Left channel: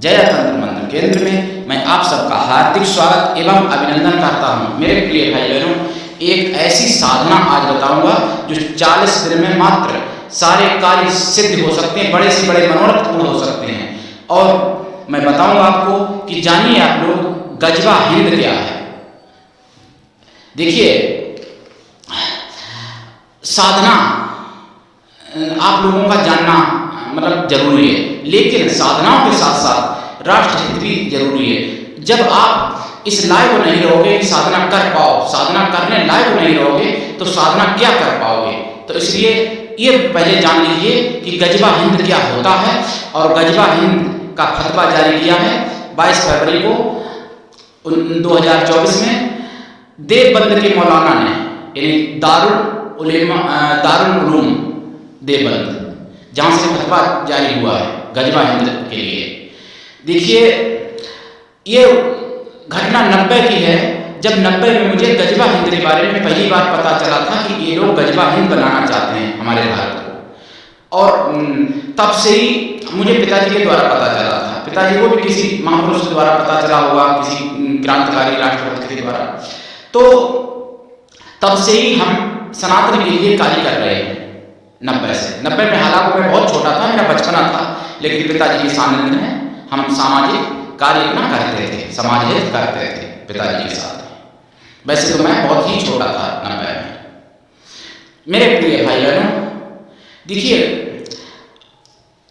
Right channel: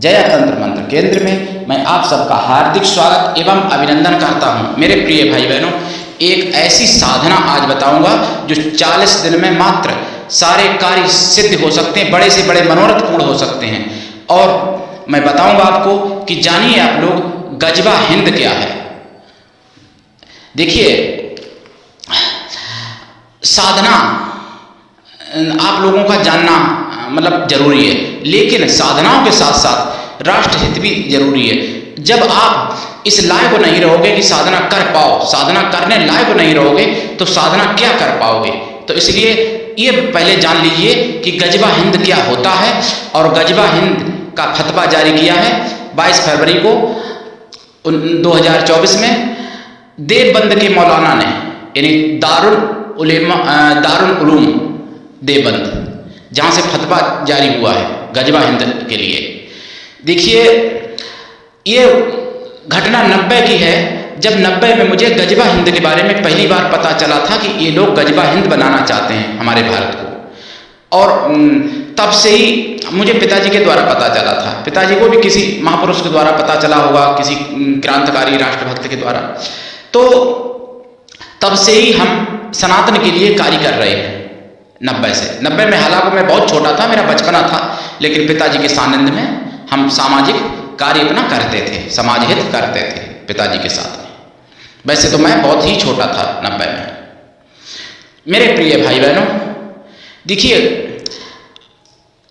जया तंत्र मंत्र केंद्र में मैं आप सबका हार्दिक स्वागत एवं अभिनंदन करता हूं। मेरे प्रिय भाई बहनों, एक ऐसी साधना आज बताऊंगा जो 40 दिन में मात्र सारे कार्य सिद्ध हो सकते हैं, बड़े से बड़े मनोरथ पूर्ण हो सकते हैं। और मैं बताऊंगा आपको कि जानिए आप लोग गजबा हिंद क्या है। देखिए, साधना आप लोगों का जानना मतलब जरूरी है, लेकिन साधनाओं के साथ साथ राष्ट्र हित भी जरूरी है। जब आप इस लायक नहीं रहोगे कि साधना कर पाओ, साधना करने लायक नहीं रहोगे तो साधना क्या कर पाओगे। तो इसलिए ये पहले जान लीजिए कि गजबा हिंद क्या होता है। और गजबा हिंद का फतवा जारी किया है 22 फरवरी को 2024 में देवबंद के मौलाना ने, यानी दारुल उलूम देवबंद, जहाँ से फतवा जारी हुआ है गजबा हिंद के लिए। देखिए, ये घटना 90 की है, जब 90 में मुझे गजबा हिंद के बारे में पहली बार पता चला था कि ये लोग गजबा हिंद बनाना चाहते हैं हमारे भारत को। और तब से ही मुझे पिताजी के द्वारा पता चला था, पिताजी को भी किसी महापुरुष के द्वारा पता चला होगा, किसी क्रांतिकारी राष्ट्रभक्त के द्वारा। तो तब से ही हम सनातन के लिए कार्य कर रहे हैं 90 से। 90 में हालांकि मैं बहुत छोटा था, मेरा बचपना था, लेकिन पिताजी के सानिध्य में हम सामाजिक कार्य अपना करते थे, समाज हित करते थे पिताजी के साथ। वैसे तो मैं बहुत ही छोटा था 90 में। मेरे प्रिय भाई बहनों, देखिए,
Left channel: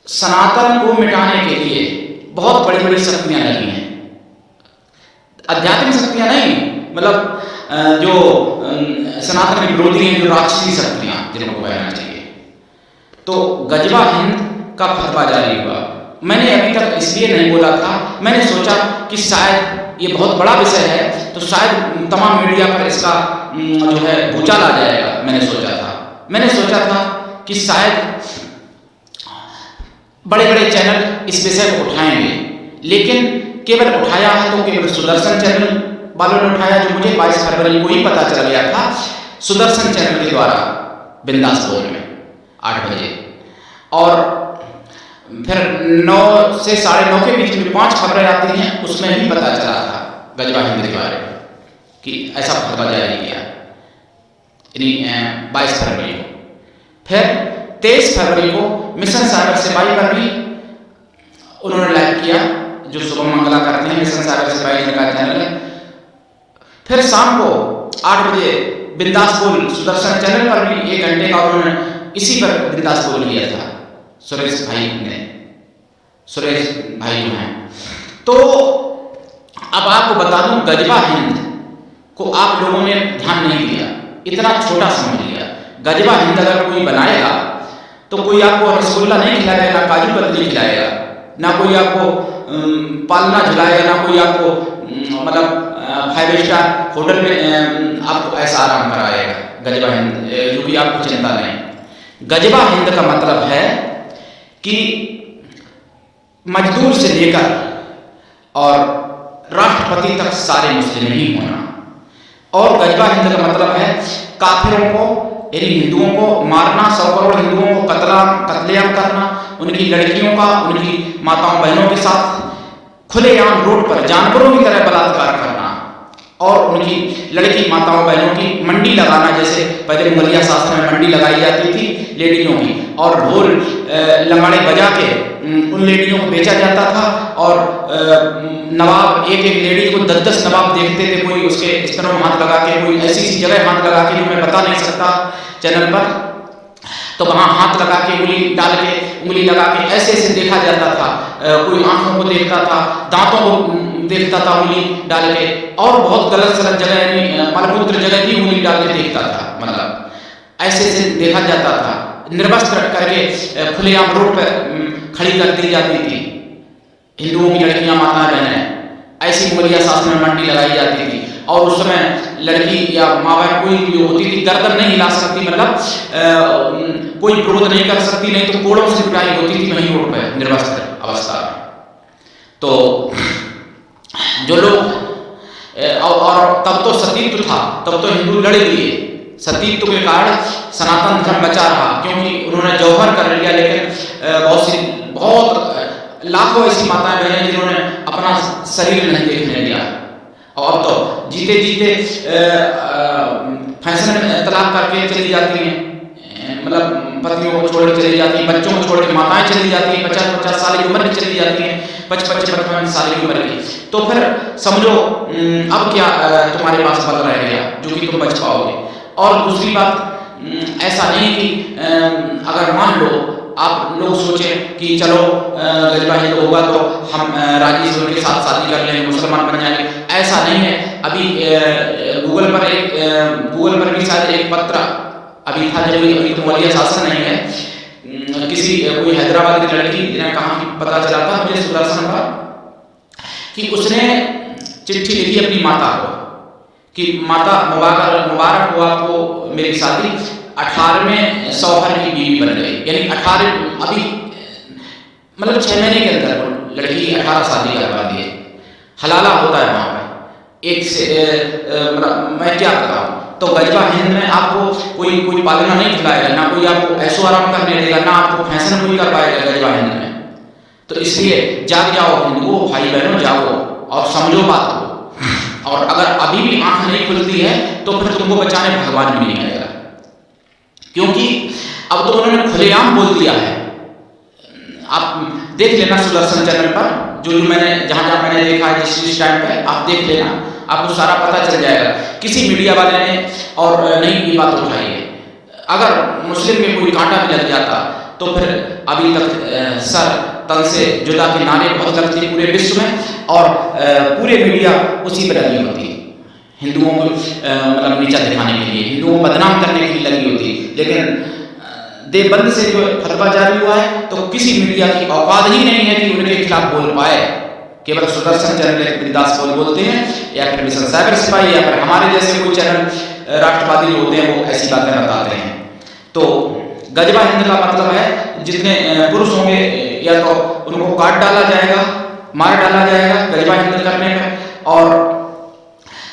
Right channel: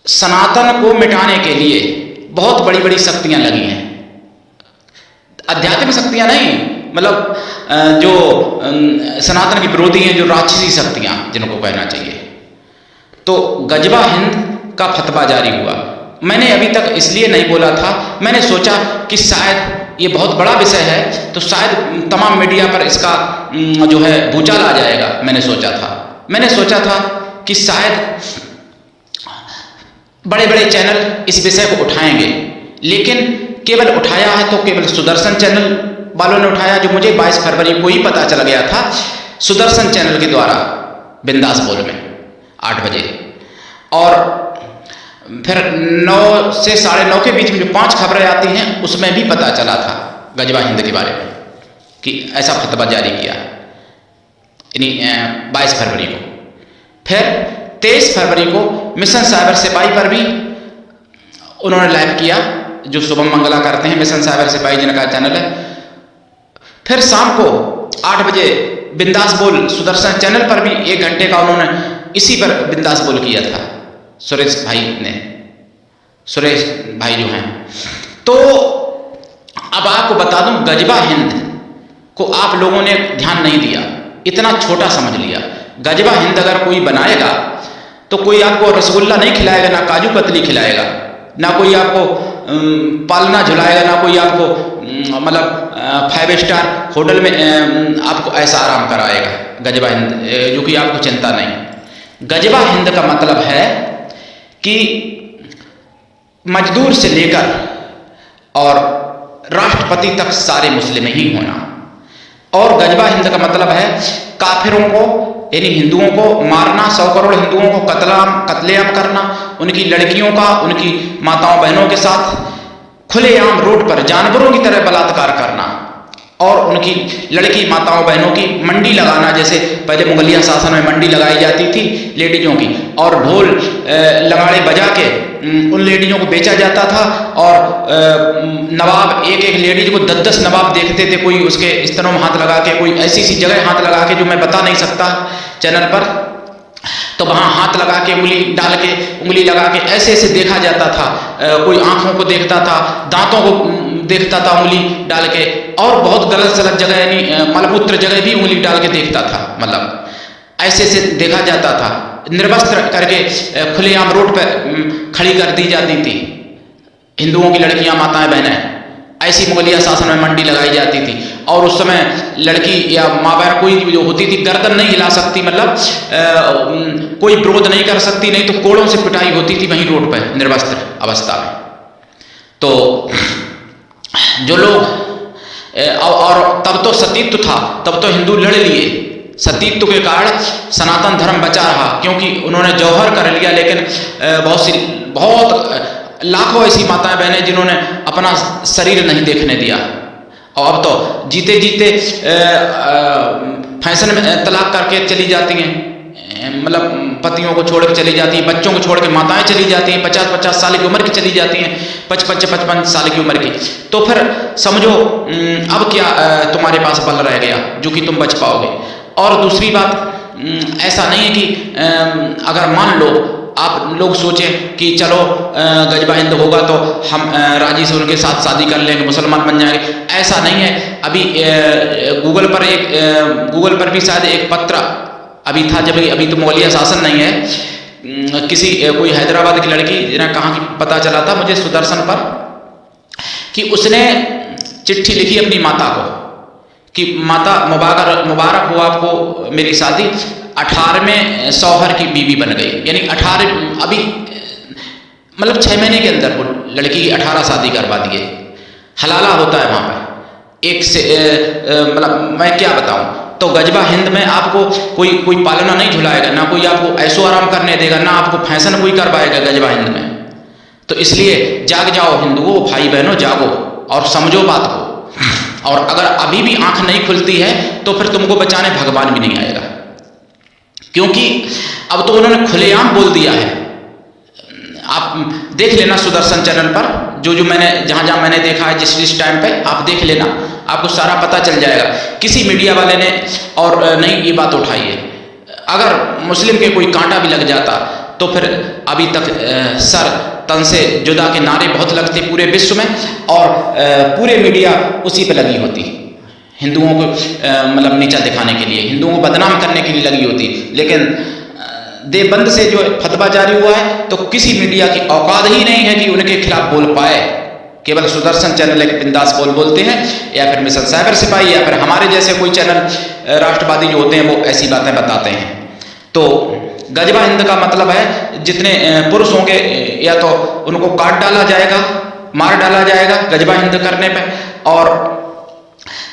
सनातन को मिटाने के लिए बहुत बड़ी बड़ी शक्तियां लगी हैं। आध्यात्मिक शक्तियां नहीं, मतलब जो सनातन के विरोधी हैं, जो राक्षसी शक्तियां जिनको कहना चाहिए। तो गजबा हिंद का फतवा जारी हुआ। मैंने अभी तक इसलिए नहीं बोला था, मैंने सोचा कि शायद ये बहुत बड़ा विषय है तो शायद तमाम मीडिया पर इसका जो है भूचाल आ जाएगा। मैंने सोचा था कि शायद बड़े बड़े चैनल इस विषय को उठाएंगे, लेकिन केवल उठाया है तो केवल सुदर्शन चैनल वालों ने उठाया, जो मुझे 22 फरवरी को ही पता चल गया था सुदर्शन चैनल के द्वारा बिंदास बोल में 8 बजे। और फिर 9 से 9:30 के बीच में जो 5 खबरें आती हैं उसमें भी पता चला था गजबा हिंद के बारे में कि ऐसा फतवा जारी किया, यानी 22 फरवरी को। फिर 23 फरवरी को मिशन साइबर सिपाही पर भी उन्होंने लाइव किया, जो शुभम मंगला करते हैं, मिशन साइबर सिपाही जिनका चैनल है। फिर शाम को 8 बजे बिंदास बोल सुदर्शन चैनल पर भी 1 घंटे का उन्होंने इसी पर बिंदास बोल किया था सुरेश भाई जो हैं। तो अब आपको बता दूं, गजबा हिंद को आप लोगों ने ध्यान नहीं दिया, इतना छोटा समझ लिया। गजबा हिंद अगर कोई बनाएगा तो कोई आपको रसगुल्ला नहीं खिलाएगा, ना काजू कतली खिलाएगा, ना कोई आपको पालना झुलाएगा, ना कोई आपको मतलब 5 स्टार होटल में आपको ऐसा आराम कराएगा। गजबा हिंद जो कि आपको चिंता नहीं। गजबा हिंद का मतलब है कि मजदूर से लेकर और राष्ट्रपति तक सारे मुस्लिम ही होना। और गजबा हिंद का मतलब है काफिरों को, यानी हिंदुओं को मारना, 100 करोड़ हिंदुओं को कत्लेआम करना, उनकी लड़कियों का, उनकी माताओं बहनों के साथ खुलेआम रोड पर जानवरों की तरह बलात्कार करना, और उनकी लड़की माताओं बहनों की मंडी लगाना। जैसे पहले मुगलिया शासन में मंडी लगाई जाती थी लेडीजों की, और ढोल लंगाड़े बजा के उन लेडीजों को बेचा जाता था। और नवाब, एक लेडीज को 10-10 नवाब देखते थे, कोई उसके स्तनों में हाथ लगा के, कोई ऐसी सी जगह हाथ लगा के जो मैं बता नहीं सकता चैनल पर, तो वहाँ हाथ लगा के उंगली लगा के ऐसे ऐसे देखा जाता था। कोई आंखों को देखता था, दांतों को देखता था उंगली डाल के, और बहुत गलत सलत जगह, यानी मलमूत्र जगह भी उंगली डाल के देखता था। मतलब ऐसे ऐसे देखा जाता था। निर्वस्त्र करके खुलेआम रोड पर खड़ी कर दी जाती थी हिंदुओं की लड़कियां, माताएं, बहनें। ऐसी मुगलिया शासन में मंडी लगाई जाती थी। और उस समय लड़की या माँ बहन कोई भी जो होती थी गर्दन नहीं हिला सकती, मतलब कोई विरोध नहीं कर सकती, नहीं तो कोड़ों से पिटाई होती थी वहीं रोड पर निर्वस्त्र अवस्था में। तो जो लोग और तब तो सतीत्व था, तब तो हिंदू लड़ लिए, सतीत्व के कारण सनातन धर्म बचा रहा, क्योंकि उन्होंने जौहर कर लिया, लेकिन बहुत लाखों ऐसी माताएं बहनें जिन्होंने अपना शरीर नहीं देखने दिया, और अब तो जीते जीते फैशन में तलाक करके चली जाती हैं, मतलब पतियों को छोड़ के चली जाती हैं, बच्चों को छोड़ के माताएं चली जाती हैं, 50-50 साल की उम्र की चली जाती हैं, 55 साल की उम्र की। तो फिर समझो अब क्या तुम्हारे पास बल रह गया जो कि तुम बच पाओगे। और दूसरी बात, ऐसा नहीं है कि अगर मान लो आप लोग सोचें कि चलो गजबा हिंद होगा तो हम राजी से उनके साथ शादी कर लेंगे, मुसलमान बन जाएंगे, ऐसा नहीं है। अभी गूगल पर भी शायद एक पत्र अभी था, जब अभी तो मौलिया शासन नहीं है, किसी कोई हैदराबाद की लड़की जिन्हें कहाँ की पता चला था मुझे सुदर्शन पर, कि उसने चिट्ठी लिखी अपनी माता को कि माता मुबारक हो आपको मेरी शादी, 18वें शौहर की बीवी बन गई। यानी 18 अभी मतलब 6 महीने के अंदर वो लड़की की 18 शादी करवा दिए। हलाला होता है वहाँ पर एक से मतलब मैं क्या बताऊँ। तो गजबा हिंद में आपको कोई पालना नहीं झुलाएगा, ना कोई आपको ऐशो आराम करने देगा, ना आपको फैशन कोई करवाएगा गजबा हिंद में। तो इसलिए जाग जाओ हिंदुओं, भाई बहनों, जागो और समझो बात को। और अगर अभी भी आंख नहीं खुलती है तो फिर तुमको बचाने भगवान भी नहीं आएगा, क्योंकि अब तो उन्होंने खुलेआम बोल दिया है। आप देख लेना सुदर्शन चैनल पर, जो मैंने जहाँ मैंने देखा है जिस टाइम पे, आप देख लेना, आपको सारा पता चल जाएगा। किसी मीडिया वाले ने और नहीं ये बात उठाई है। अगर मुस्लिम के कोई कांटा भी लग जाता तो फिर अभी तक सर तन से जुदा के नारे बहुत लगते पूरे विश्व में, और पूरे मीडिया उसी पे लगी होती, हिंदुओं को मतलब नीचा दिखाने के लिए, हिंदुओं को बदनाम करने के लिए लगी होती। लेकिन देवबंद से जो फतवा जारी हुआ है तो किसी मीडिया की औकात ही नहीं है कि उनके खिलाफ बोल पाए। केवल सुदर्शन चैनल एक बिंदास बोलते हैं, या फिर मिशन सागर सिपाही, या फिर हमारे जैसे कोई चैनल राष्ट्रवादी जो होते हैं वो ऐसी बातें बताते हैं। तो गजबा हिंद का मतलब है जितने पुरुष होंगे या तो उनको काट डाला जाएगा, मार डाला जाएगा गजबा हिंद करने पे, और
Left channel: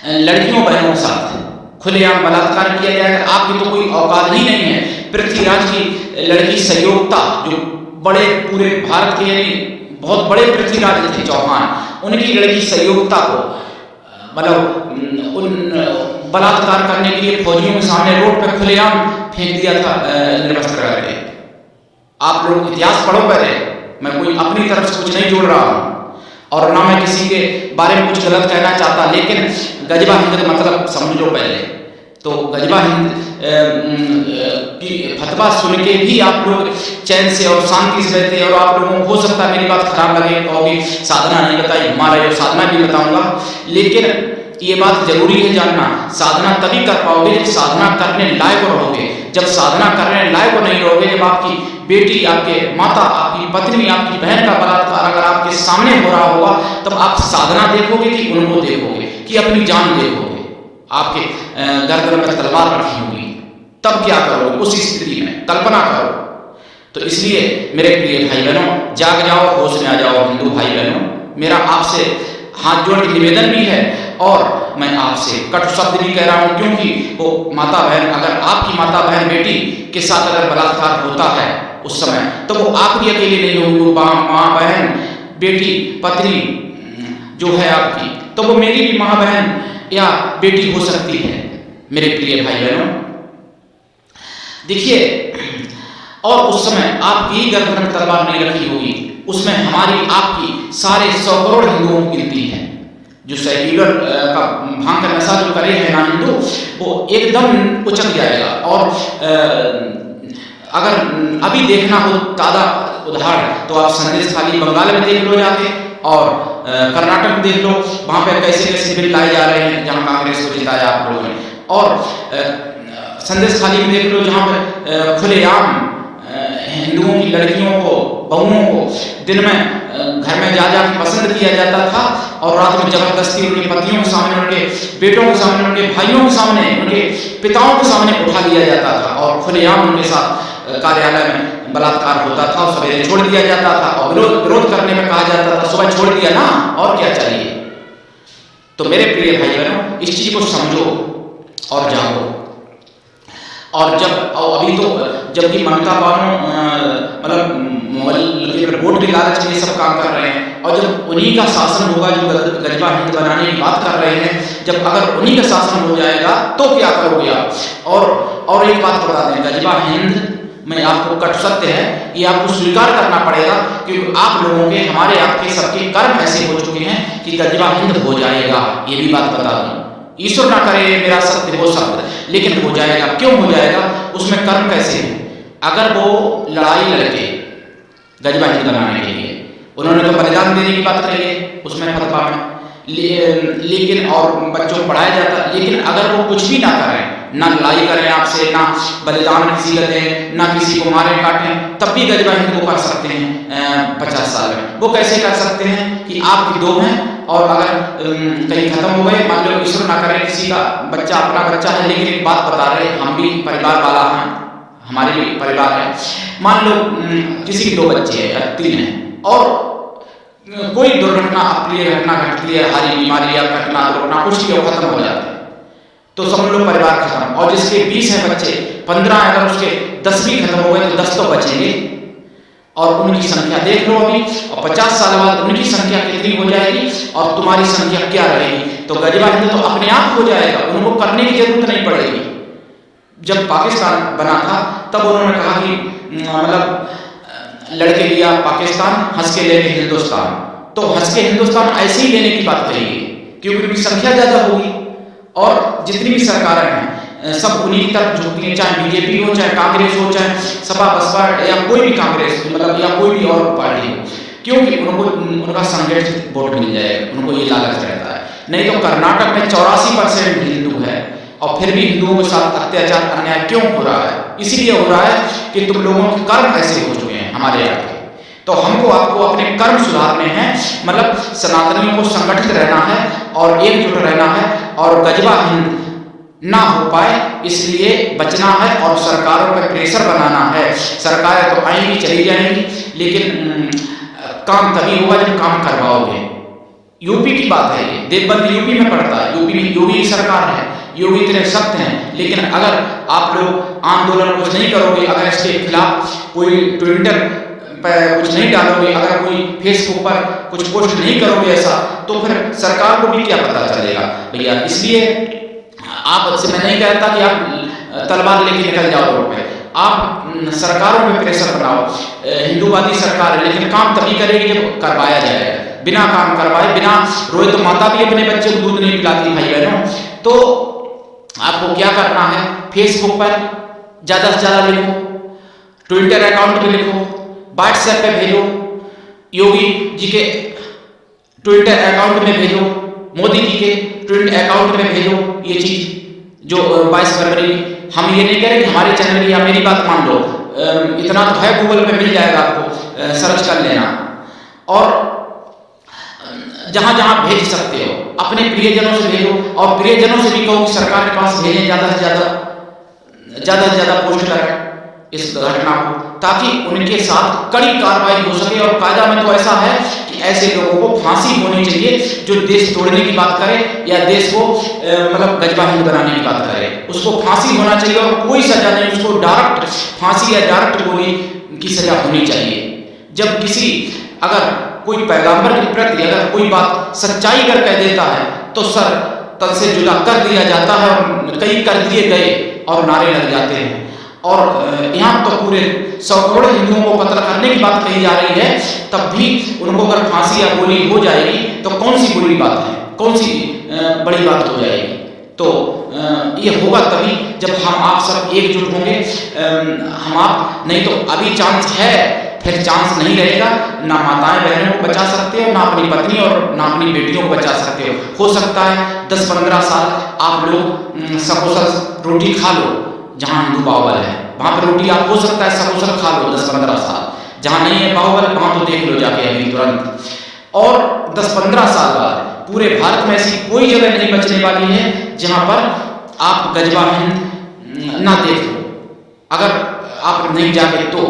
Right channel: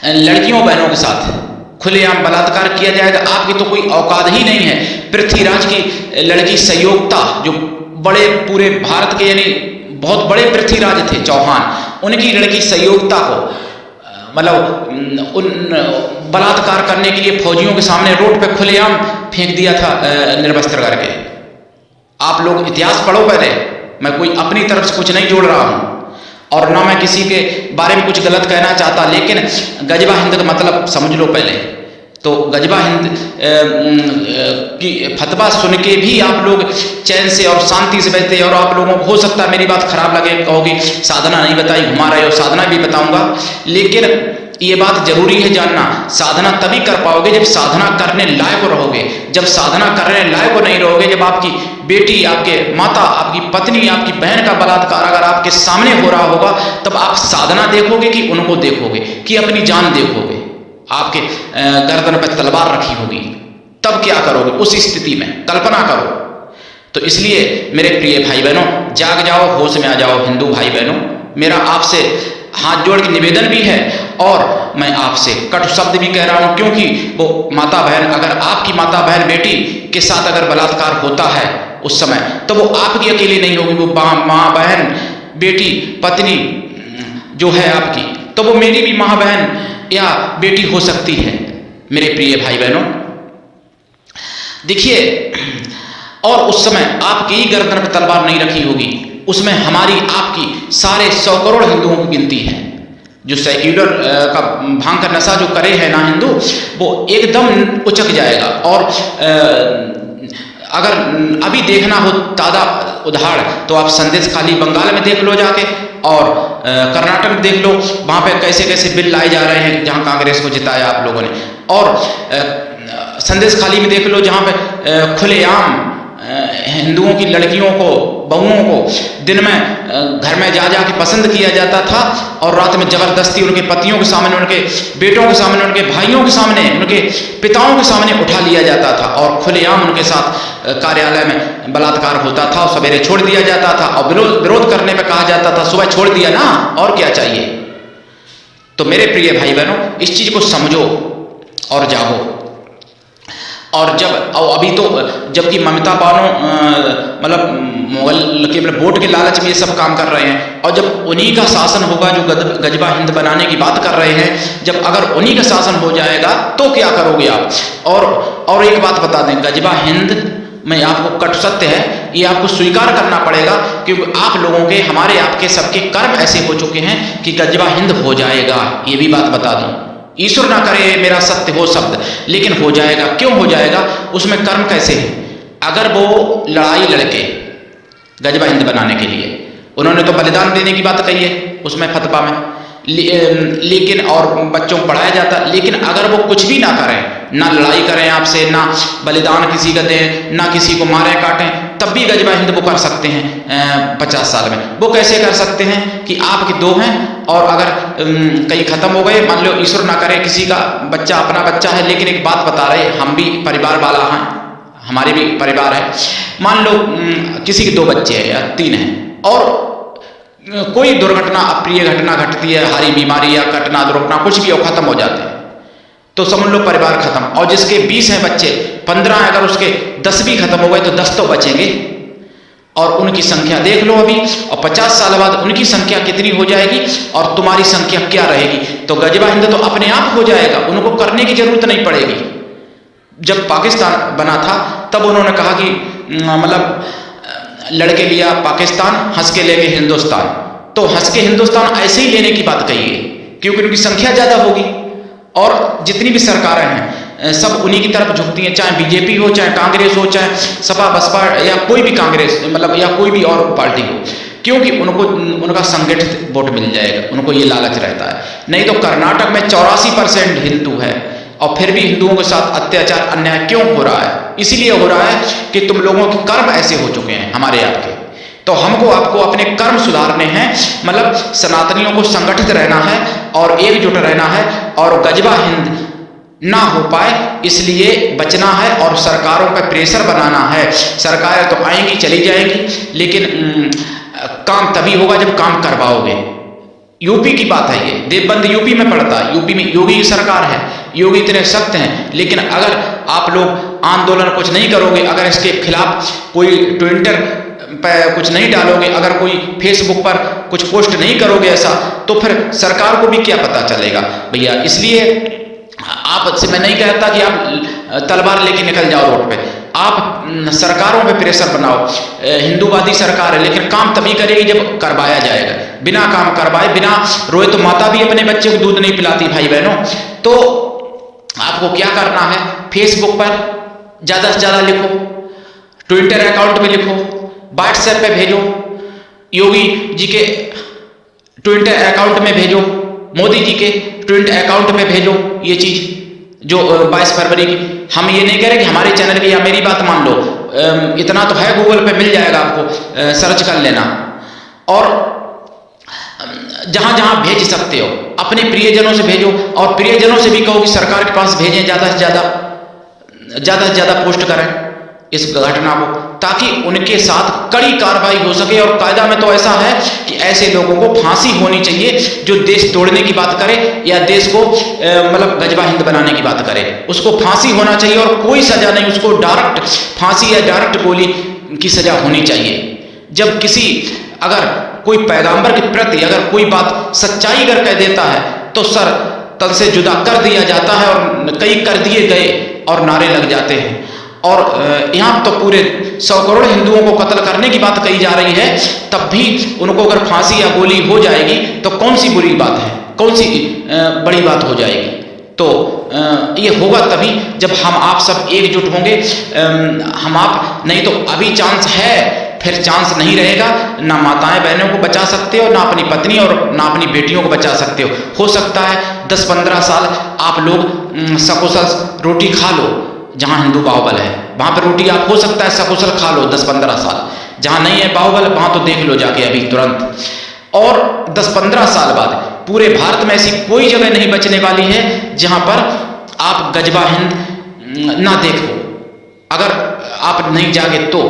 लड़कियों बहनों के साथ खुलेआम बलात्कार किया जाएगा। आपकी तो कोई औकात ही नहीं है। पृथ्वीराज की लड़की संयोक्ता, जो बड़े पूरे भारत के यानी बहुत बड़े पृथ्वीराज थे चौहान, उनकी लड़की संयोक्ता को मतलब उन बलात्कार करने के लिए फौजियों के सामने रोड पे खुलेआम फेंक दिया था निर्वस्त्र करके। आप लोग इतिहास पढ़ो पहले, मैं कोई अपनी तरफ से कुछ नहीं जोड़ रहा हूँ और ना मैं किसी के बारे में कुछ गलत कहना चाहता, लेकिन गजबा हिंद का मतलब समझ लो पहले। तो गजबा हिंद की फतवा सुन के भी आप लोग चैन से और शांति से बैठते, और आप लोगों को हो सकता है मेरी बात खराब लगे, कहोगे साधना नहीं बताई, घुमा रहे हो, साधना भी बताऊंगा। लेकिन ये बात जरूरी है जानना, साधना तभी कर पाओगे जब साधना करने लायक रहोगे। जब साधना करने लायक नहीं रहोगे, जब आपकी बेटी, आपके माता, आपकी पत्नी, आपकी बहन का बलात्कार अगर आपके सामने हो रहा होगा, तब आप साधना देखोगे कि उनको देखोगे, कि अपनी जान देखोगे, आपके गर्दन पर तलवार रखी होगी, तब क्या करोगे उस स्थिति में, कल्पना करो। तो इसलिए मेरे प्रिय भाई बहनों, जाग जाओ, होश में आ जाओ हिंदू भाई बहनों। मेरा आपसे हाथ जोड़ के निवेदन भी है, और मैं आपसे कटु शब्द भी कह रहा हूं, क्योंकि वो माता बहन, अगर आपकी माता बहन बेटी के साथ अगर बलात्कार होता है उस समय, तो वो आपकी अकेली नहीं होगी, वो माँ बहन बेटी पत्नी जो है आपकी, तो वो मेरी भी माँ बहन या बेटी हो सकती है। मेरे प्रिय भाई बहनों देखिए, और उस समय आपकी गर्दन में तलवार नहीं रखी होगी, उसमें हमारी आपकी सारे 100 करोड़ हिंदुओं की गिनती है। जो सेक्युलर का भांग का नशा जो करे है ना हिंदू, वो एकदम उचक जाएगा। और अगर अभी देखना हो ताज़ा उदाहरण, तो आप संदेश खाली बंगाल में देख लो जाके, और कर्नाटक में देख लो, वहाँ पे कैसे कैसे बिल लाए जा रहे हैं जहाँ कांग्रेस को जिताया आप लोगों ने। और संदेश खाली में देख लो जहाँ पे खुलेआम हिंदुओं की लड़कियों को, बहुओं को दिन में घर में जा के पसंद किया जाता था, और रात में जबरदस्ती उनके पतियों के सामने, उनके बेटों के सामने, उनके भाइयों के सामने, उनके पिताओं के सामने उठा लिया जाता था, और खुलेआम उनके साथ कार्यालय में बलात्कार होता था, और सवेरे छोड़ दिया जाता था, और विरोध करने में कहा जाता था सुबह छोड़ दिया ना, और क्या चाहिए। तो मेरे प्रिय भाई बहनों, इस चीज को समझो और जागो। और अभी तो जबकि ममता बानो मतलब मुगल के वोट के लालच में ये सब काम कर रहे हैं, और जब उन्हीं का शासन होगा जो गजबा हिंद बनाने की बात कर रहे हैं, जब अगर उन्हीं का शासन हो जाएगा तो क्या करोगे आप? और एक बात बता दें, गजबा हिंद में आपको कट सत्य है, ये आपको स्वीकार करना पड़ेगा, क्योंकि आप लोगों के, हमारे आपके सबके कर्म ऐसे हो चुके हैं कि गजबा हिंद हो जाएगा। ये भी बात बता दूं, ईश्वर ना करे मेरा सत्य हो शब्द, लेकिन हो जाएगा। क्यों हो जाएगा? उसमें कर्म कैसे है? अगर वो लड़ाई लड़के गजबा हिंद बनाने के लिए, उन्होंने तो बलिदान देने की बात कही है उसमें फतवा में, लेकिन और बच्चों को पढ़ाया जाता, लेकिन अगर वो कुछ भी ना करें, ना लड़ाई करें आपसे, ना बलिदान किसी का दें, ना किसी को मारें काटें, तब भी गजबा हिंद को कर सकते हैं 50 साल में। वो कैसे कर सकते हैं कि आपके दो हैं और अगर कहीं ख़त्म हो गए, मान लो ईश्वर ना करे किसी का बच्चा अपना बच्चा है, लेकिन एक बात बता रहे, हम भी परिवार वाला हैं, हमारे भी परिवार है, मान लो किसी के 2 बच्चे हैं या 3 हैं, और कोई दुर्घटना, अप्रिय घटना घटती है, हारी बीमारी या घटना दुर्घटना कुछ भी हो, खत्म हो जाते हैं, तो समझ लो परिवार खत्म। और जिसके 20 हैं बच्चे, 15, अगर उसके 10 भी खत्म हो गए तो 10 तो बचेंगे, और उनकी संख्या देख लो अभी, और 50 साल बाद उनकी संख्या कितनी हो जाएगी और तुम्हारी संख्या क्या रहेगी? तो गजबा हिंद तो अपने आप हो जाएगा, उनको करने की जरूरत नहीं पड़ेगी। जब पाकिस्तान बना था तब उन्होंने कहा कि मतलब लड़के लिया पाकिस्तान, हंस के लेंगे हिंदुस्तान, तो हंस के हिंदुस्तान ऐसे ही लेने की बात कही है, क्योंकि उनकी संख्या ज़्यादा होगी, और जितनी भी सरकारें हैं सब उन्हीं की तरफ झुकती हैं, चाहे बीजेपी हो, चाहे कांग्रेस हो, चाहे सपा बसपा या कोई भी कांग्रेस मतलब या कोई भी और पार्टी हो, क्योंकि उनको उनका संगठित वोट मिल जाएगा, उनको ये लालच रहता है। नहीं तो कर्नाटक में 84% हिंदू है, और फिर भी हिंदुओं के साथ अत्याचार अन्याय क्यों हो रहा है? इसलिए हो रहा है कि तुम लोगों के कर्म ऐसे हो चुके हैं हमारे आपके। तो हमको आपको अपने कर्म सुधारने हैं, मतलब सनातनियों को संगठित रहना है और एकजुट रहना है, और गजबा हिंद ना हो पाए इसलिए बचना है, और सरकारों पर प्रेशर बनाना है। सरकारें तो आएंगी चली जाएंगी, लेकिन काम तभी होगा जब काम करवाओगे। यूपी की बात है, ये देवबंद यूपी में पड़ता है, यूपी में योगी की सरकार है, योगी इतने सख्त हैं, लेकिन अगर आप लोग आंदोलन कुछ नहीं करोगे, अगर इसके खिलाफ कोई ट्विटर पर कुछ नहीं डालोगे, अगर कोई फेसबुक पर कुछ पोस्ट नहीं करोगे ऐसा, तो फिर सरकार को भी क्या पता चलेगा भैया। इसलिए आपसे मैं नहीं कहता कि आप तलवार लेके निकल जाओ रोड पे, आप सरकारों पे प्रेशर बनाओ। हिंदूवादी सरकार है, लेकिन काम तभी करेगी जब करवाया जाएगा। बिना काम करवाए, बिना रोए तो माता भी अपने बच्चे को दूध नहीं पिलाती भाई बहनों। तो आपको क्या करना है, फेसबुक पर ज़्यादा से ज़्यादा लिखो, ट्विटर अकाउंट पे लिखो, व्हाट्सएप पे भेजो, योगी जी के ट्विटर अकाउंट में भेजो, मोदी जी के ट्विटर अकाउंट में भेजो ये चीज़ जो 22 फरवरी की। हम ये नहीं कह रहे कि हमारे चैनल पे या मेरी बात मान लो, इतना तो है, गूगल पे मिल जाएगा, आपको सर्च कर लेना, और जहाँ जहाँ भेज सकते हो अपने प्रियजनों से भेजो, और प्रियजनों से भी कहो कि सरकार के पास भेजें, ज़्यादा से ज़्यादा पोस्ट करें इस घटना को, ताकि उनके साथ कड़ी कार्रवाई हो सके। और कायदा में तो ऐसा है कि ऐसे लोगों को फांसी होनी चाहिए जो देश तोड़ने की बात करे या देश को मतलब गजबा हिंद बनाने की बात करे, उसको फांसी होना चाहिए, और कोई सजा नहीं, उसको डायरेक्ट फांसी या डायरेक्ट गोली की सजा होनी चाहिए। जब किसी अगर कोई पैगंबर के प्रति अगर कोई बात सच्चाई अगर कह देता है तो सर तन से जुदा कर दिया जाता है, और कई कर दिए गए और नारे लग जाते हैं। और यहाँ तो पूरे 100 करोड़ हिंदुओं को कत्ल करने की बात कही जा रही है, तब भी उनको अगर फांसी या गोली हो जाएगी तो कौन सी बुरी बात है, कौन सी बड़ी बात हो जाएगी? तो ये होगा तभी जब हम आप सब एकजुट होंगे, हम आप, नहीं तो अभी चांस है, फिर चांस नहीं रहेगा। ना माताएं बहनों को बचा सकते हो, ना अपनी पत्नी और ना अपनी बेटियों को बचा सकते हो सकता है 10-15 साल आप लोग सकुशल रोटी खा लो, जहाँ हिंदू बाहुबल है वहाँ पर रोटी आप हो सकता है सकुशल खा लो 10-15 साल, जहाँ नहीं है बाहुबल वहाँ तो देख लो जाके अभी तुरंत। और 10-15 साल बाद पूरे भारत में ऐसी कोई जगह नहीं बचने वाली है जहाँ पर आप गजबा हिंद ना देखो, अगर आप नहीं जागे तो।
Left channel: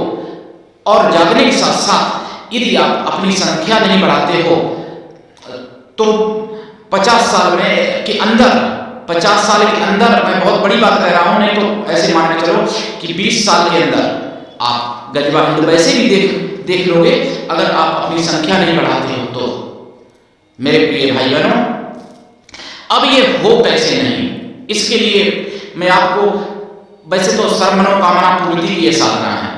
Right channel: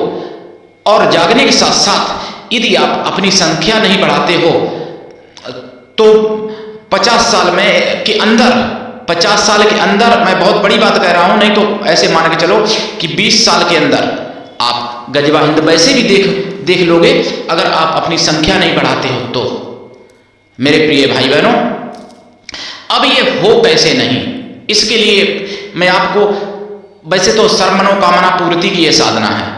और जागने के साथ साथ यदि आप अपनी संख्या नहीं बढ़ाते हो तो 50 साल में के अंदर 50 साल के अंदर, मैं बहुत बड़ी बात कह रहा हूं, नहीं तो ऐसे मान के चलो कि 20 साल के अंदर आप गजवा हिंद वैसे भी देख लोगे, अगर आप अपनी संख्या नहीं बढ़ाते हो तो। मेरे प्रिय भाई बहनों, अब ये हो कैसे नहीं, इसके लिए मैं आपको, वैसे तो सर्वमनोकामना पूर्ति की ये साधना है,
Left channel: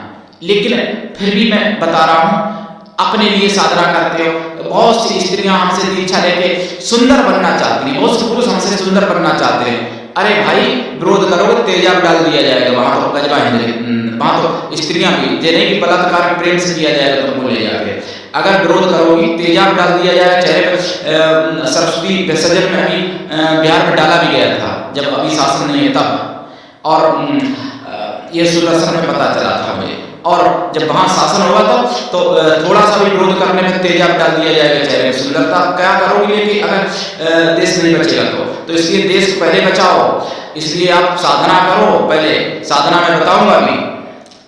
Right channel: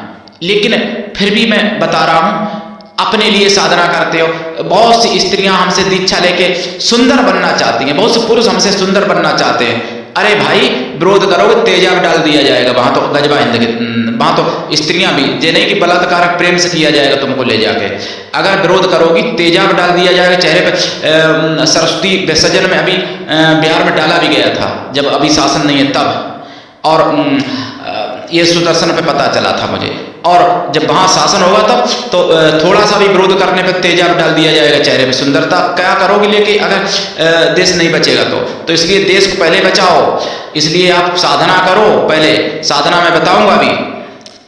लेकिन फिर भी मैं बता रहा हूं, अपने लिए साधना करते हो। बहुत सी स्त्रियां हमसे दीक्षा लेके सुंदर बनना चाहती हैं, बहुत से पुरुष हमसे सुंदर बनना चाहते हैं। अरे भाई, विरोध करोगे तेजाब डाल दिया जाएगा वहां तो गजवा हिंद के, वहां तो स्त्रियां भी, ये नहीं कि बलात्कार प्रेम से किया जाएगा तुमको ले जाके, अगर विरोध करोगी तेजाब डाल दिया जाएगा चेहरे पे। सरस्वती विसर्जन में अभी बिहार में डाला भी गया था, जब अभी शासन नहीं है तब, और ये सुदर्शन पे पता चला था मुझे, और जब वहां शासन होगा तब तो थोड़ा सा भी विरोध करने पर तेजाब डाल दिया जाएगा चेहरे में। सुंदरता क्या करोगे लेके, अगर देश नहीं बचेगा तो इसलिए देश को पहले बचाओ, इसलिए आप साधना करो। पहले साधना मैं बताऊंगा अभी।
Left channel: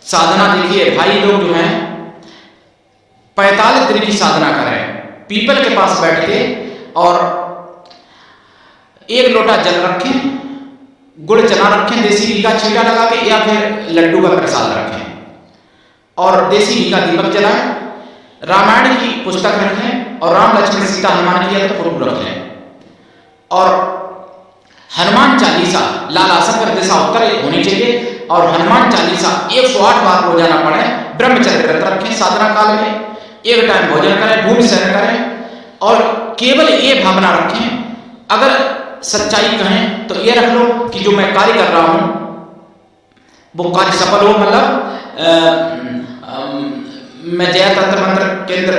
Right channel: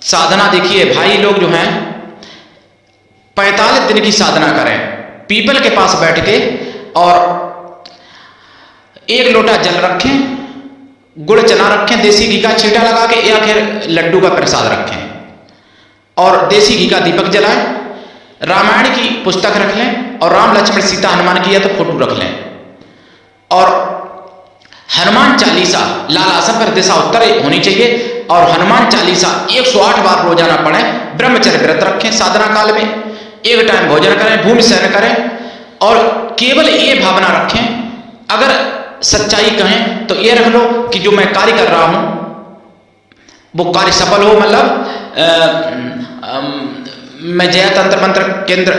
साधना देखिए भाई, लोग जो हैं 45 दिन की साधना करें, पीपल के पास बैठ के, और 1 लोटा जल रखें, गुड़ चना रखें, देसी घी का छींटा लगा के, या फिर लड्डू का प्रसाद रखें, और देसी घी का दीपक जलाएं, रामायण की पुस्तक रख लें, और राम लक्ष्मण सीता हनुमान की या तो फोटो रख लें, और हनुमान चालीसा लाल आसन पर दिशा उत्तर होनी चाहिए, और हनुमान चालीसा 108 बार रोजाना पढ़ें। ब्रह्मचर्य व्रत रखें, साधना काल में 1 टाइम भोजन करें, भूमि शयन करें, और केवल ये भावना रखें, अगर सच्चाई कहें तो ये रख लो कि जो मैं कार्य कर रहा हूं वो कार्य सफल हो, मतलब मैं जय तंत्र मंत्र केंद्र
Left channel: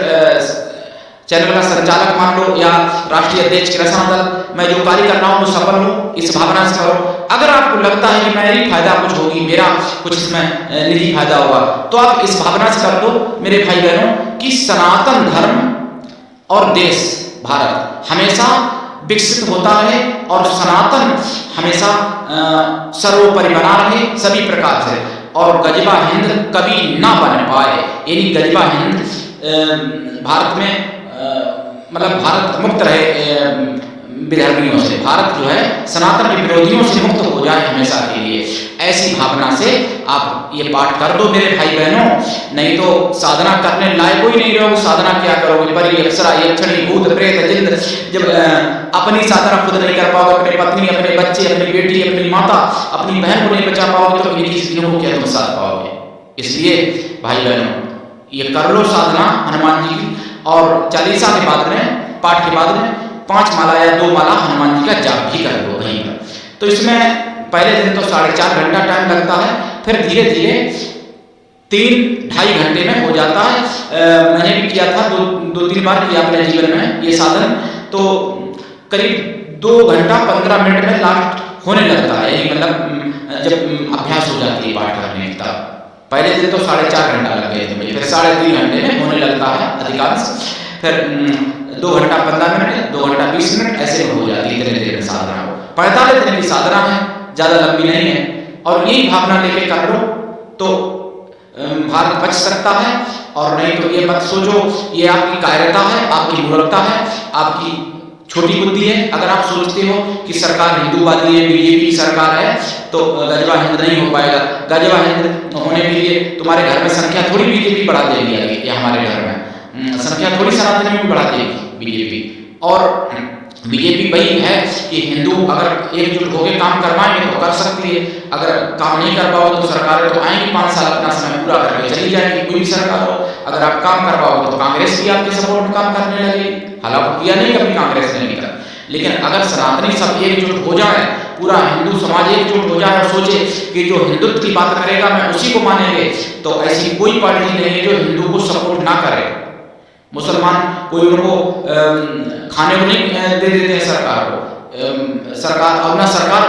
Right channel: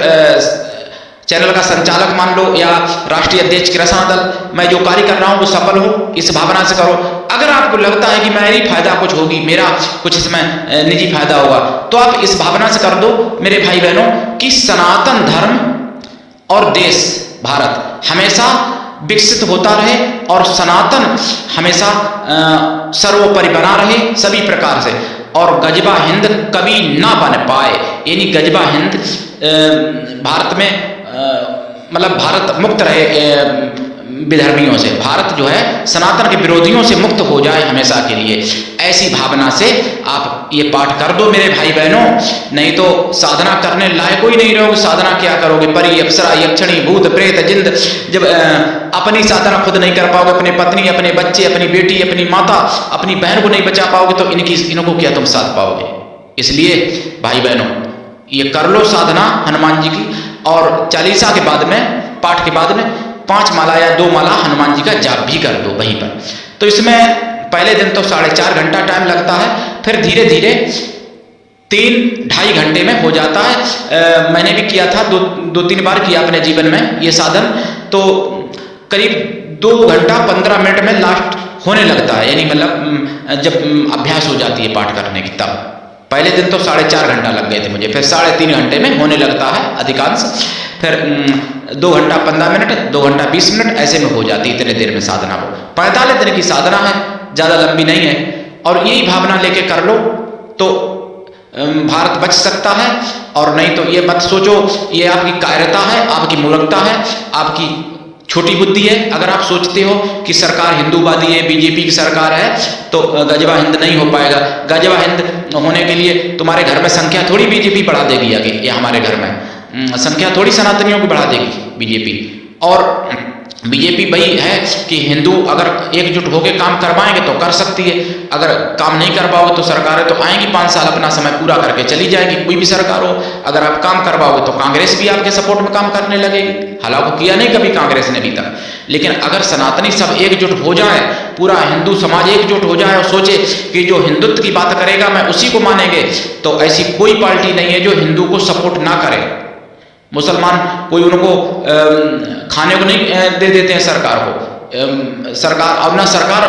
चैनल का संचालक मान लो, या राष्ट्रीय अध्यक्ष किसान दल, मैं जो कार्य कर रहा हूं वो सफल हो, इस भावना से करो। अगर आपको लगता है कि मेरा ही फायदा कुछ होगी, मेरा कुछ इसमें निजी फायदा होगा, तो आप इस भावना से कर दो मेरे भाई बहनों कि सनातन धर्म और देश भारत हमेशा विकसित होता रहे, और सनातन हमेशा सर्वोपरि बना रहे सभी प्रकार से, और गजवा हिंद कभी ना बन पाए, यानी गजवा हिंद भारत में मतलब भारत मुक्त रहे विधर्मियों से, भारत जो है सनातन के विरोधियों से मुक्त हो जाए हमेशा के लिए। ऐसी भावना से आप ये पाठ कर दो मेरे भाई बहनों, नहीं तो साधना करने लायक ही नहीं रहोगे। साधना क्या करोगे, परी अप्सरा यक्षणी भूत प्रेत जिंद, जब अपनी साधना खुद नहीं कर पाओगे, अपने पत्नी, अपने बच्चे, अपनी बेटी, अपनी माता, अपनी बहन को नहीं बचा पाओगे, तो इनको क्या तुम साध पाओगे। इसलिए भाई बहनों ये कर लो साधना हनुमान जी की, और चालीसा के बाद में, पाठ के बाद में 5 माला या 2 माला हनुमान जी का जाप भी कर दो वहीं पर। तो इसमें पहले दिन तो 4.5 घंटा टाइम लगता है, फिर धीरे धीरे 3-2.5 घंटे में हो जाता है। मैंने भी किया था, 2-3 बार किया अपने जीवन में ये साधन, तो करीब 2 घंटा 15 मिनट में लास्ट होने लगता है, यानी मतलब जब अभ्यास हो जाती है पाठ करने की तब। पहले दिन तो 4.5 घंटा लग गए थे मुझे, फिर 3.5 घंटे में होने लगता है अधिकांश, फिर 2 घंटा 15 मिनट, 2 घंटा 20 मिनट, ऐसे में हो जाती है इतने देर में साधना को। 45 दिन की साधना है, ज़्यादा लंबी नहीं है, और यही भावना लेके कर लो तो भारत बच सकता है। और नहीं तो ये मत सोचो ये आपकी कायरता है, आपकी मूर्खता है, आपकी छोटी बुद्धि है। अगर आप सोचते हो कि सरकार हिंदूवादी है, बीजेपी की सरकार है, तो गजवा हिंद नहीं हो पाएगा। गजवा हिंद होने के लिए तुम्हारे घर में संख्या थोड़ी बीजेपी बढ़ा देगी आगे, या हमारे घर में संख्या थोड़ी सनातनियों को बढ़ा देगी बीजेपी। और बीजेपी वही है कि हिंदू अगर एकजुट होकर काम करवाएंगे तो कर सकती है, अगर काम नहीं कर पाओगे तो सरकारें तो आएंगी 5 साल अपना समय पूरा करके चली जाएंगी, कोई भी सरकार हो। अगर आप काम करवाओगे तो कांग्रेस भी आपके सपोर्ट में काम करने लगेगी, हालांकि किया नहीं कभी कांग्रेस ने अभी तक। लेकिन अगर सनातनी सब एकजुट हो जाए, पूरा हिंदू समाज एकजुट हो जाए और सोचे कि जो हिंदुत्व की बात करेगा मैं उसी को मानेंगे, तो ऐसी कोई पार्टी नहीं है जो हिंदू को सपोर्ट ना करे। मुसलमान कोई उनको खाने को नहीं दे देते हैं सरकार को, सरकार अब ना सरकार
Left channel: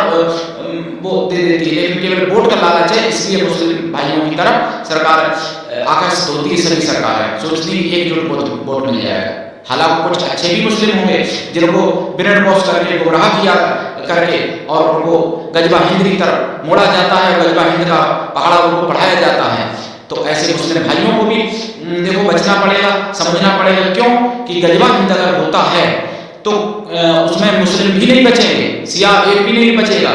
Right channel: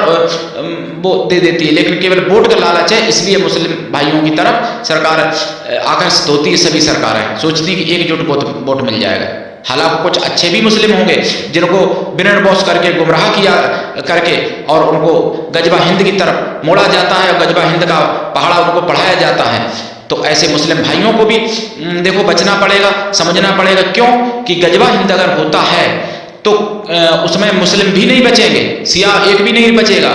वो दे देती है, लेकिन केवल वोट का लालच है, इसलिए मुस्लिम भाइयों की तरफ सरकार आकर्षित होती है। सभी सरकारें सोचती कि एकजुट वोट मिल जाएगा। हालांकि कुछ अच्छे भी मुस्लिम होंगे जिनको ब्रेन वॉश करके गुमराह किया करके और उनको गजवा हिंद की तरफ मोड़ा जाता है, गजवा हिंद का पहाड़ा उनको पढ़ाया जाता है। तो ऐसे मुस्लिम भाइयों को भी देखो बचना पड़ेगा, समझना पड़ेगा। क्यों कि गजवा हिंद अगर होता है तो उसमें मुस्लिम भी नहीं बचेंगे, शिया एक भी नहीं बचेगा।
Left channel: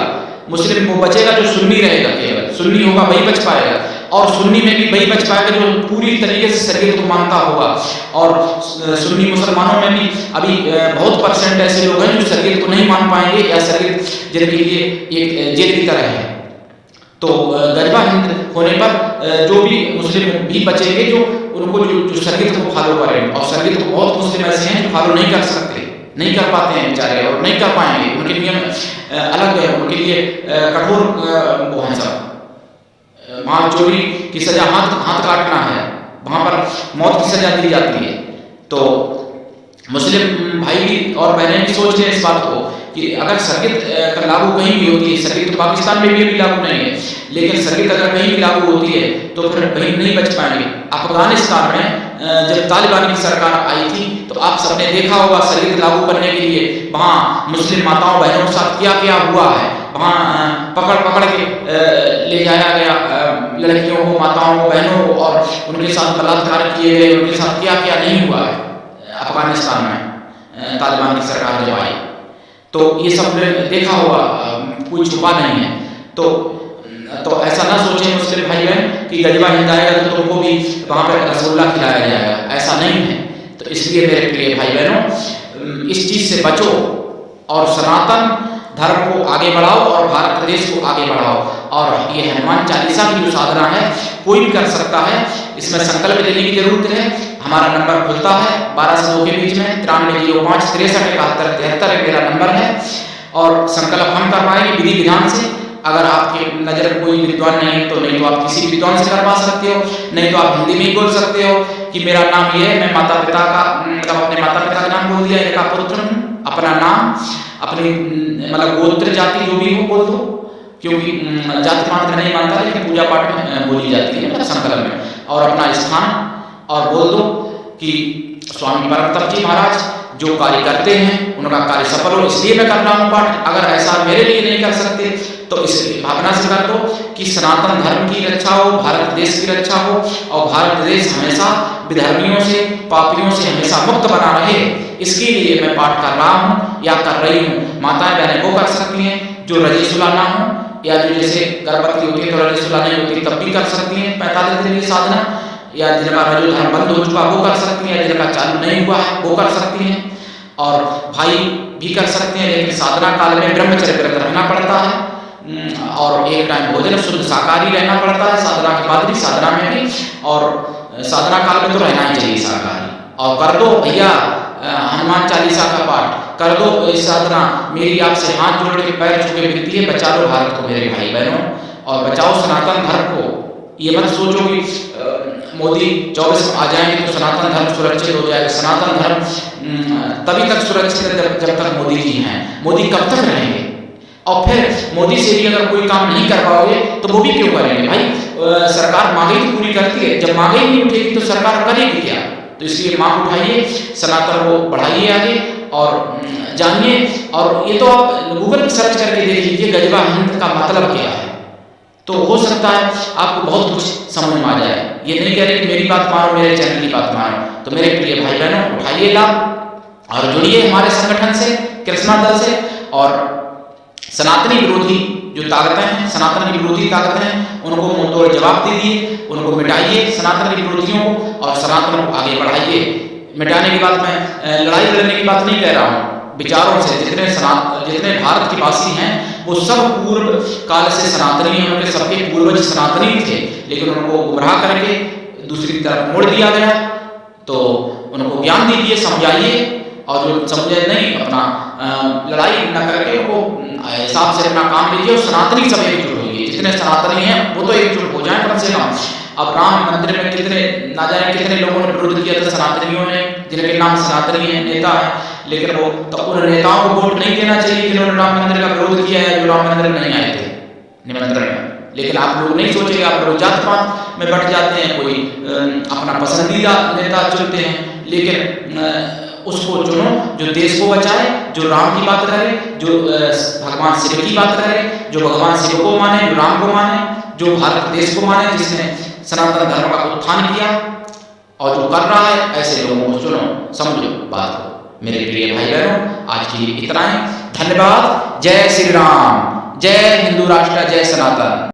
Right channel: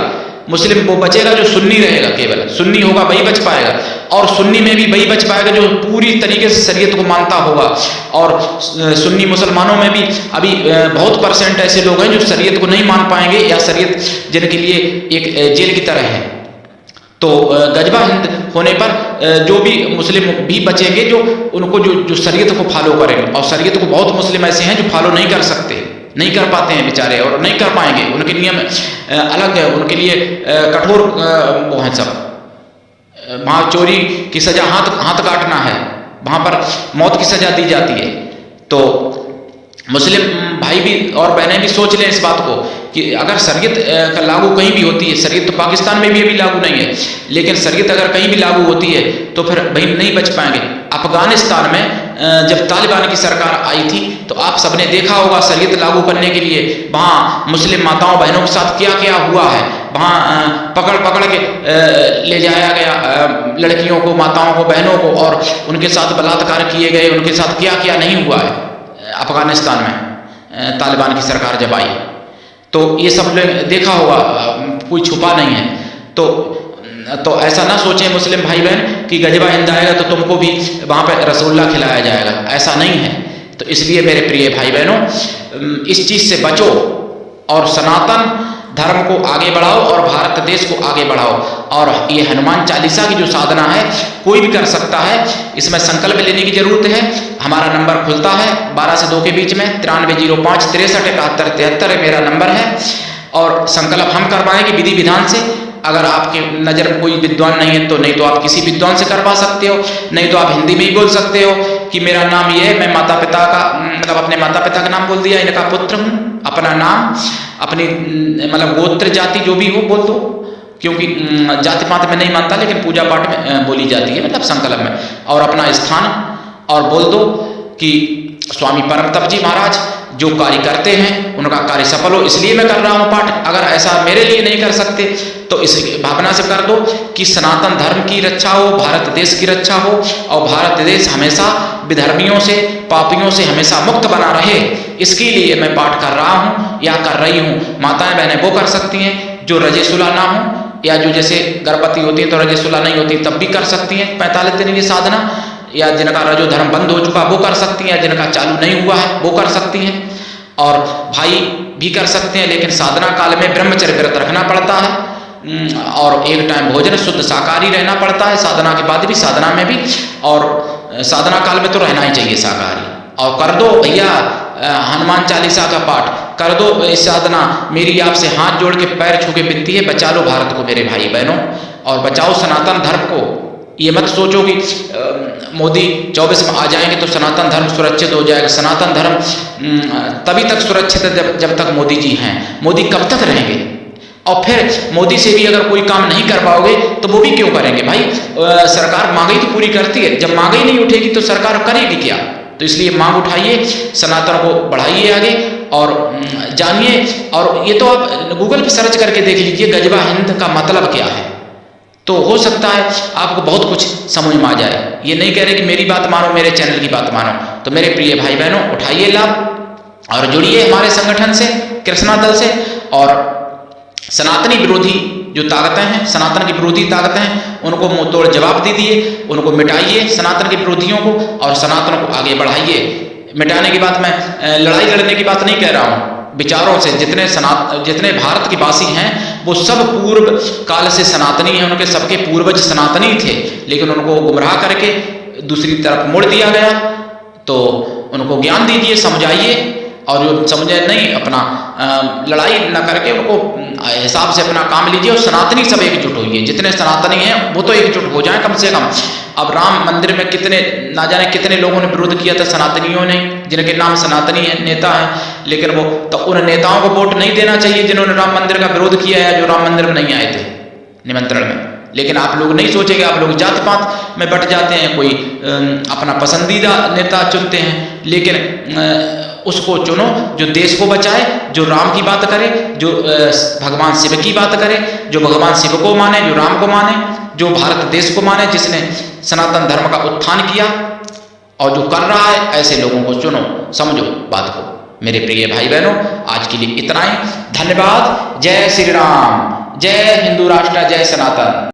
मुस्लिम वो बचेगा जो सुन्नी रहेगा, केवल सुन्नी होगा वही बच पाएगा। और सुन्नी में भी वही बच पाएगा जो पूरी तरीके से शरीयत को मानता होगा। और सुन्नी मुसलमानों में भी अभी बहुत परसेंट ऐसे लोग हैं जो शरीयत को नहीं मान पाएंगे, या शरीयत जिनके लिए एक जेल की तरह है। तो गजबा हिंद होने पर जो भी मुस्लिम भी बचेंगे जो उनको जो शरीयत को फॉलो करेंगे। और शरीयत को बहुत मुस्लिम ऐसे हैं जो फॉलो नहीं कर सकते, नहीं कर पाते हैं बेचारे, और नहीं कर पाएंगे। उनके नियम अलग है, उनके लिए कठोर वो हैं सब। वहाँ चोरी की सज़ा हाथ काटना है, वहाँ पर मौत की सज़ा दी जाती है। तो मुस्लिम भाई भी और बहनें भी सोच लें इस बात को कि अगर शरीयत का लागू कहीं भी होती है, शरीयत तो पाकिस्तान में भी अभी लागू नहीं है, लेकिन शरीयत अगर कहीं भी लागू होती है तो फिर भाई नहीं बच पाएंगे। अफगानिस्तान में जब तालिबान की सरकार आई थी तो आप सबने देखा होगा शरीयत लागू करने के लिए वहाँ मुस्लिम माताओं बहनों के साथ क्या क्या हुआ है। वहाँ पकड़ के ले जाया गया लड़कियों को, माताओं को, बहनों को, और उनके साथ बलात्कार किए गए। उनके साथ क्या क्या नहीं हुआ है अफगानिस्तान में तालिबान की सरकार जब आई। तो ये सब देखा होगा, कोई छुपा नहीं है। तो ऐसा ना सोचें मुस्लिम भाई बहन कि गजबा हिंद आएगा तो तुमको भी वहाँ पे रसगुल्ला खिलाया जाएगा, ऐसा नहीं है। तो इसलिए मेरे प्रिय भाई बहनों, इस चीज़ से बचो और सनातन धर्म को आगे बढ़ाओ और भारत देश को आगे बढ़ाओ। और ये हनुमान चालीसा की जो साधना है कोई भी कर सकता है, इसमें संकल्प लेने की जरूरत है। हमारा नंबर खुलता है 12 से 2 के बीच में, 9305 63 71 73 मेरा नंबर है। और संकल्प हम करवाएंगे विधि विधान से। अगर आपके नज़र में कोई विद्वान नहीं है तो नहीं तो आप किसी विद्वान से करवा सकते हो, नहीं तो आप हिंदी में ही बोल सकते हो कि मेरा नाम ये है, मैं माता पिता का मतलब अपने माता पिता का नाम बोल दिया, इनका पुत्र हूँ, अपना नाम, अपनी मतलब गोत्र जाति जो भी हो बोल दो, क्योंकि जाति पात में नहीं मानता लेकिन पूजा पाठ में बोली जाती है, मतलब संकल्प में। और अपना स्थान और बोल दो कि स्वामी परम तप जी महाराज जो कार्य करते हैं उनका कार्य सफल हो, इसलिए मैं कर रहा हूँ पाठ। अगर ऐसा मेरे लिए नहीं कर सकते तो इस भावना से कर दो कि सनातन धर्म की रक्षा हो, भारत देश की रक्षा हो, और भारत देश हमेशा विधर्मियों से, पापियों से हमेशा मुक्त बना रहे, इसके लिए मैं पाठ कर रहा हूँ या कर रही हूँ। माताएं बहनें वो कर सकती हैं जो रजेसुला ना हो, या जो जैसे गर्भवती होती हैं तो रजेसुला नहीं होती तब भी कर सकती हैं 45 दिन की साधना, या जिनका रजो धर्म बंद हो चुका वो कर सकती हैं, जिनका चालू नहीं हुआ है वो कर सकती हैं। और भाई भी कर सकते हैं, लेकिन साधना काल में ब्रह्मचर्य व्रत रखना पड़ता है, और एक टाइम भोजन शुद्ध शाकाहारी रहना पड़ता है साधना के बाद भी, साधना में भी, और साधना काल में तो रहना ही चाहिए शाकाहारी। और कर दो भैया हनुमान चालीसा का पाठ कर दो, इस साधना मेरी आपसे हाथ जोड़ के पैर छू के विनती है, बचा लो भारत को मेरे भाई बहनों, और बचाओ सनातन धर्म को। ये मत सोचो कि मोदी 24 में आ जाएंगे तो सनातन धर्म सुरक्षित हो जाएगा। सनातन धर्म तभी तक सुरक्षित है जब तक मोदी जी हैं। मोदी कब तक रहेंगे? और फिर मोदी से भी अगर कोई काम नहीं कर पाओगे तो वो भी क्यों करेंगे भाई? सरकार महंगाई तो पूरी करती है, जब महंगाई नहीं उठेगी तो सरकार करेगी क्या? तो इसलिए मांग उठाइए, सनातन को बढ़ाइए आगे और जानिए। और ये तो आप गूगल पे सर्च करके देख लीजिए गजबा हिंद का मतलब क्या है, तो हो सकता है आपको बहुत कुछ समझ में आ जाए। ये नहीं कह रहे कि मेरी बात मानो, मेरे चैनल की बात मानो। तो मेरे प्रिय भाई बहनों, उठाइए लाभ और जुड़िए हमारे संगठन से, कृष्णा दल से। और सनातनी विरोधी जो ताकतें हैं, सनातन की विरोधी ताकतें हैं, उनको मुंह तोड़ जवाब दीजिए, उनको मिटाइए सनातन के विरोधियों को, और सनातन को आगे बढ़ाइए। मिटाने की बात मैं लड़ाई लड़ने की बात नहीं कह रहा हूँ, विचारों से। जितने भारत के वासी हैं वो सब पूर्व काल से सनातनी हैं, उनके सबके पूर्वज सनातनी थे, लेकिन उनको गुमराह करके दूसरी तरफ मोड़ दिया गया। तो उनको ज्ञान दीजिए, समझाइए, और जो समझे नहीं अपना लड़ाई न करके उनको हिसाब से अपना काम लीजिए। और सनातनी सब एकजुट होइए, जितने सनातनी हैं वो तो एकजुट हो जाएं कम से कम। अब राम मंदिर में कितने ना जाने कितने लोगों ने विरोध किया था सनातनियों ने, जिनके नाम सनातनी है, नेता हैं, लेकिन वो तो उन नेताओं को वोट नहीं देना चाहिए जिन्होंने राम मंदिर का विरोध किया है, जो राम मंदिर में नहीं आए थे निमंत्रण में। लेकिन आप लोग नहीं सोचेंगे, आप लोग जात पात में बट जाते हैं, कोई अपना पसंदीदा नेता चुनते हैं। लेकिन उसको चुनो जो देश को बचाए, जो राम की बात करे, जो भगवान शिव की बात करे, जो भगवान शिव को माने, जो राम को माने, जो भारत देश को माने, जिसने सनातन धर्म का उत्थान किया और जो कर रहा है, ऐसे लोगों को चुनो। समझो बात को। मेरे प्रिय भाई बहनों, आज के लिए इतना ही। धन्यवाद। जय श्री राम, जय हिंदू राष्ट्र, जय सनातन।